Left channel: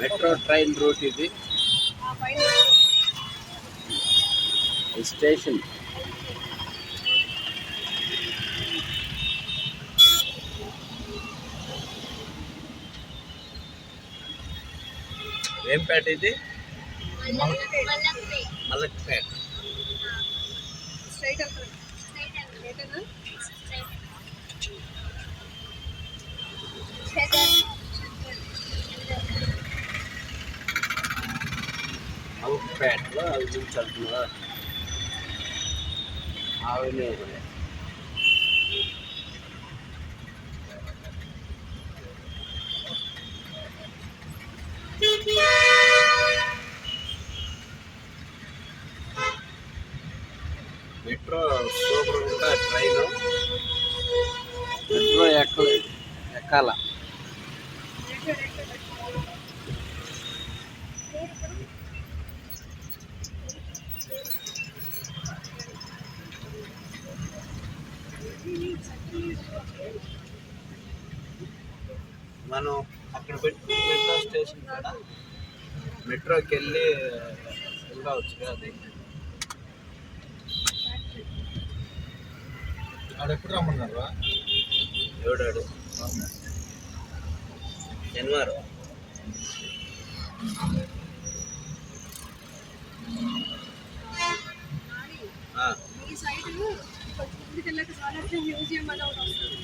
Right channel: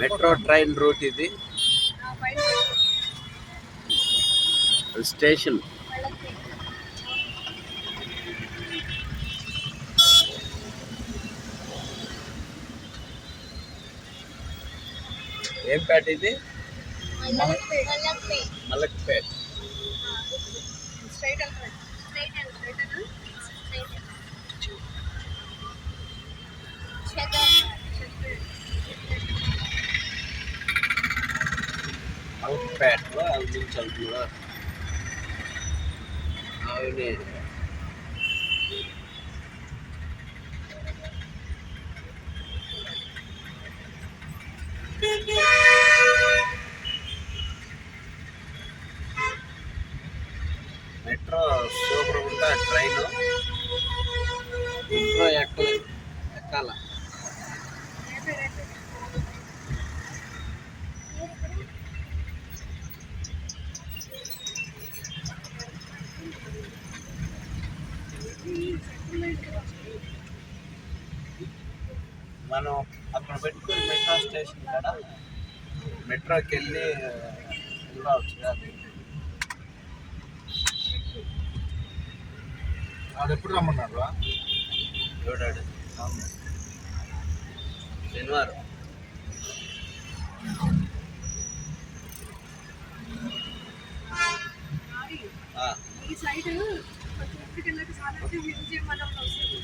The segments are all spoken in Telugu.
మెట్రో ట్రైన్ రూట్ ఇది. స్టేషన్ ఏం పేట ఇది? మల్లక్పేట. మల్లక్పేటలో అవి నుంచి వెళ్తున్నా ఆవినే. మెట్రో సూపర్ ఉంటా. ట్రైన్ మెట్రో ఎక్కాల. మనం అక్కడ పెట్టుకుని మెట్రో స్టేషన్ కాడ మెట్రోకి వెళ్ళి రావచ్చు కాదు. ఆడ ఎప్పుడు రమ్మన్నారు? ఎవడాడు? శనివారం. ఈ సైడ్ కొంచెం ముందుకు వెళ్ళాక సాలార్జంగ్ మ్యూజియం అని ఒకటి వస్తుంది.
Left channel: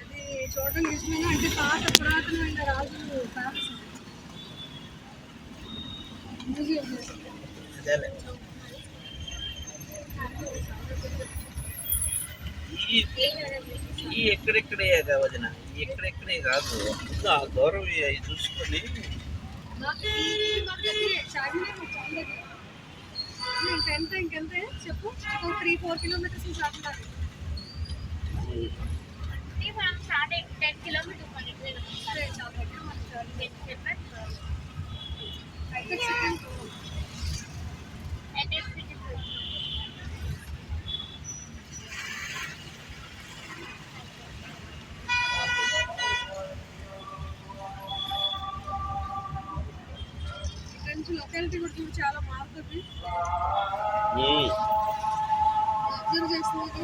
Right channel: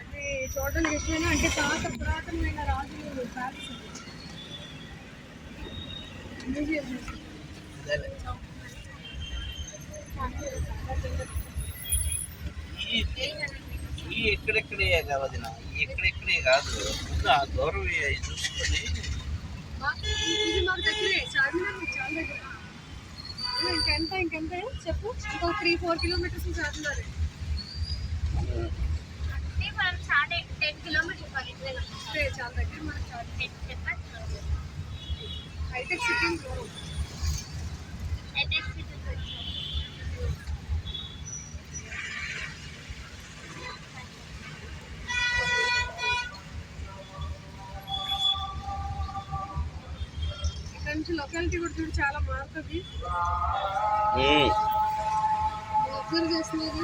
అది చూడడానికి ఇష్టమైన, అంటే పాత పురాతనమైన రాజులు ప్యాలెస్ మ్యూజియం. ఈ ఎక్కడెక్కడే వదిన, ఈ ఎక్కడెక్కడే కాదు. ముందు ఆ దూరం అవి చూసుకొని మాకు దగ్గరే చార్మినార్ చాలా దగ్గర. ఇంకెంత చెప్పు? ఇంకో 3-4 కిలోమీటర్స్ చార్మినార్. అంటే మనం 10 కిలోమీటర్స్ చాలా దగ్గర. మనకు హైటెక్ సిటీ దూరం. హైటెక్ సిటీ లొకాలిటీ కూడా చూడు చాలా మారుతుంది. అబ్జర్వ్ చేస్తున్నది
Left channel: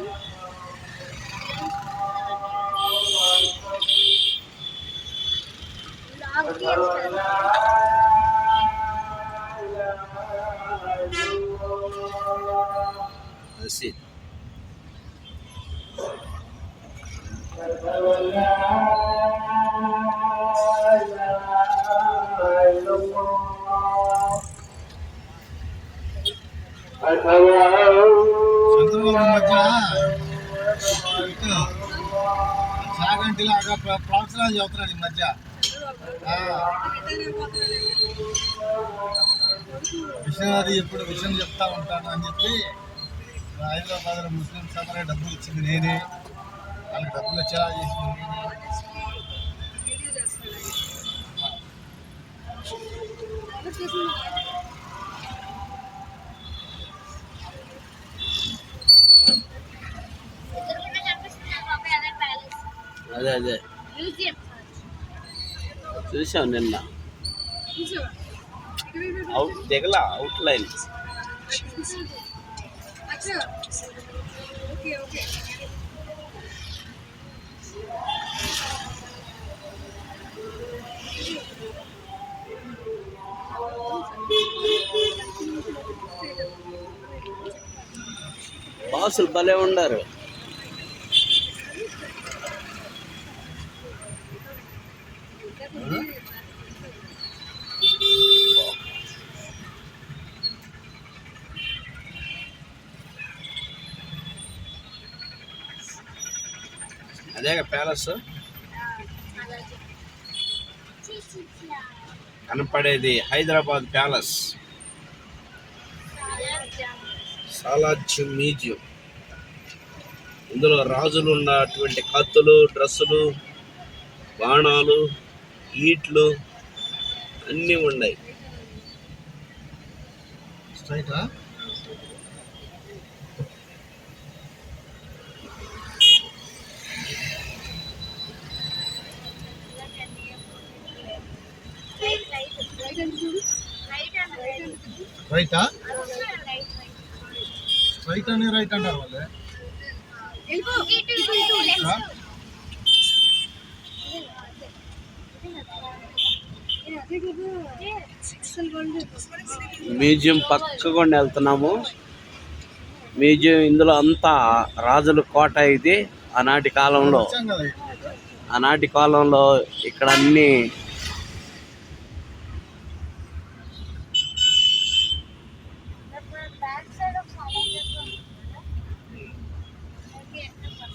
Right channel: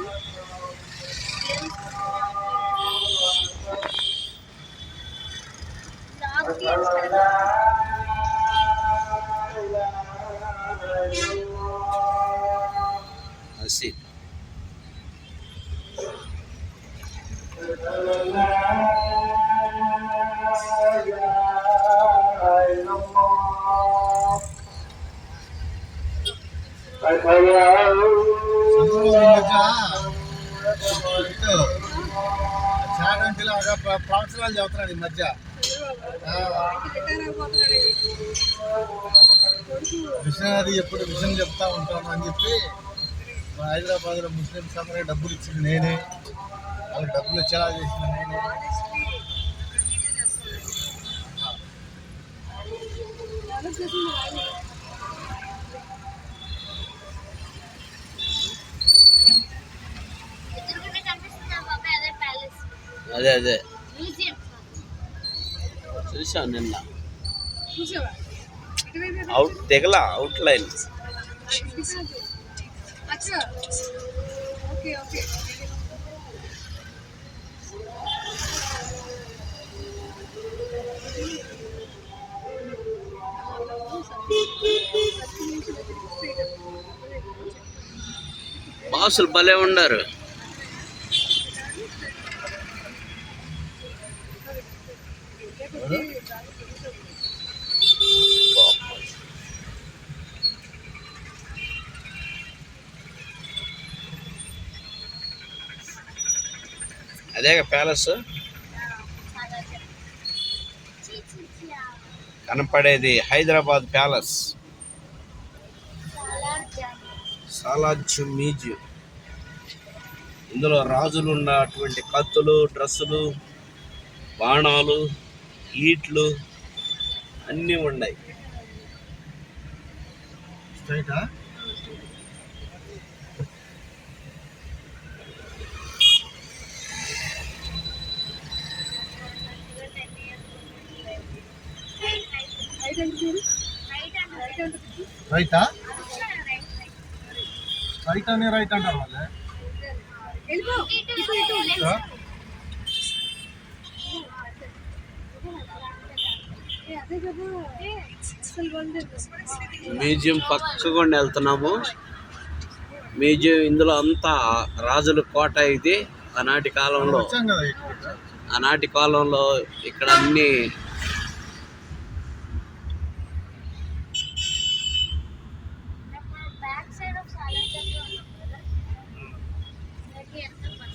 చాగంటిలాగా ప్రవచనాలు చదువుతున్నాడు ఈ మధ్య. విషయాది ఎప్పుడు విషయం చెప్తా ఉంటాను అని చెప్పి హైదరాబాద్లో ముస్లిమ్స్ అందరికీ డబ్బులు ఇచ్చింది నేనే, వాళ్ళకి డబ్బులు వచ్చేలా చేసింది నేనే. అదే అదే చూసాం నిన్న. దిగల అవుట్ లైన్. బాసులు భలే ఉండారు. అదేగా ప్యాలెస్ కనపడేది, హైదరాబాద్ ప్యాలెస్. సాలార్జంగ్ మ్యూజియం. ఇందులో రాజులు ఉన్నటువంటి కత్తులు, డ్రెస్సులు, బాణాలు, ఈట్లు అన్నీ ఉన్నాయి. స్ట్రైటా? రైటా రైట్ అని రైట్ అంటారు వాళ్ళే వెళ్ళిపో ఇటు ఇటు ఆ? అదే కదా అసలు బాగుండదు. మ్యూజియం పక్కకుండా వెళ్తున్నాము. మ్యూజియం ఇందులో అంతా రాజుల కోట ఇది. ఆనాటి కాలంలో వచ్చాం కదా ఆనాటి కాలంలో ఇక్కడ అన్ని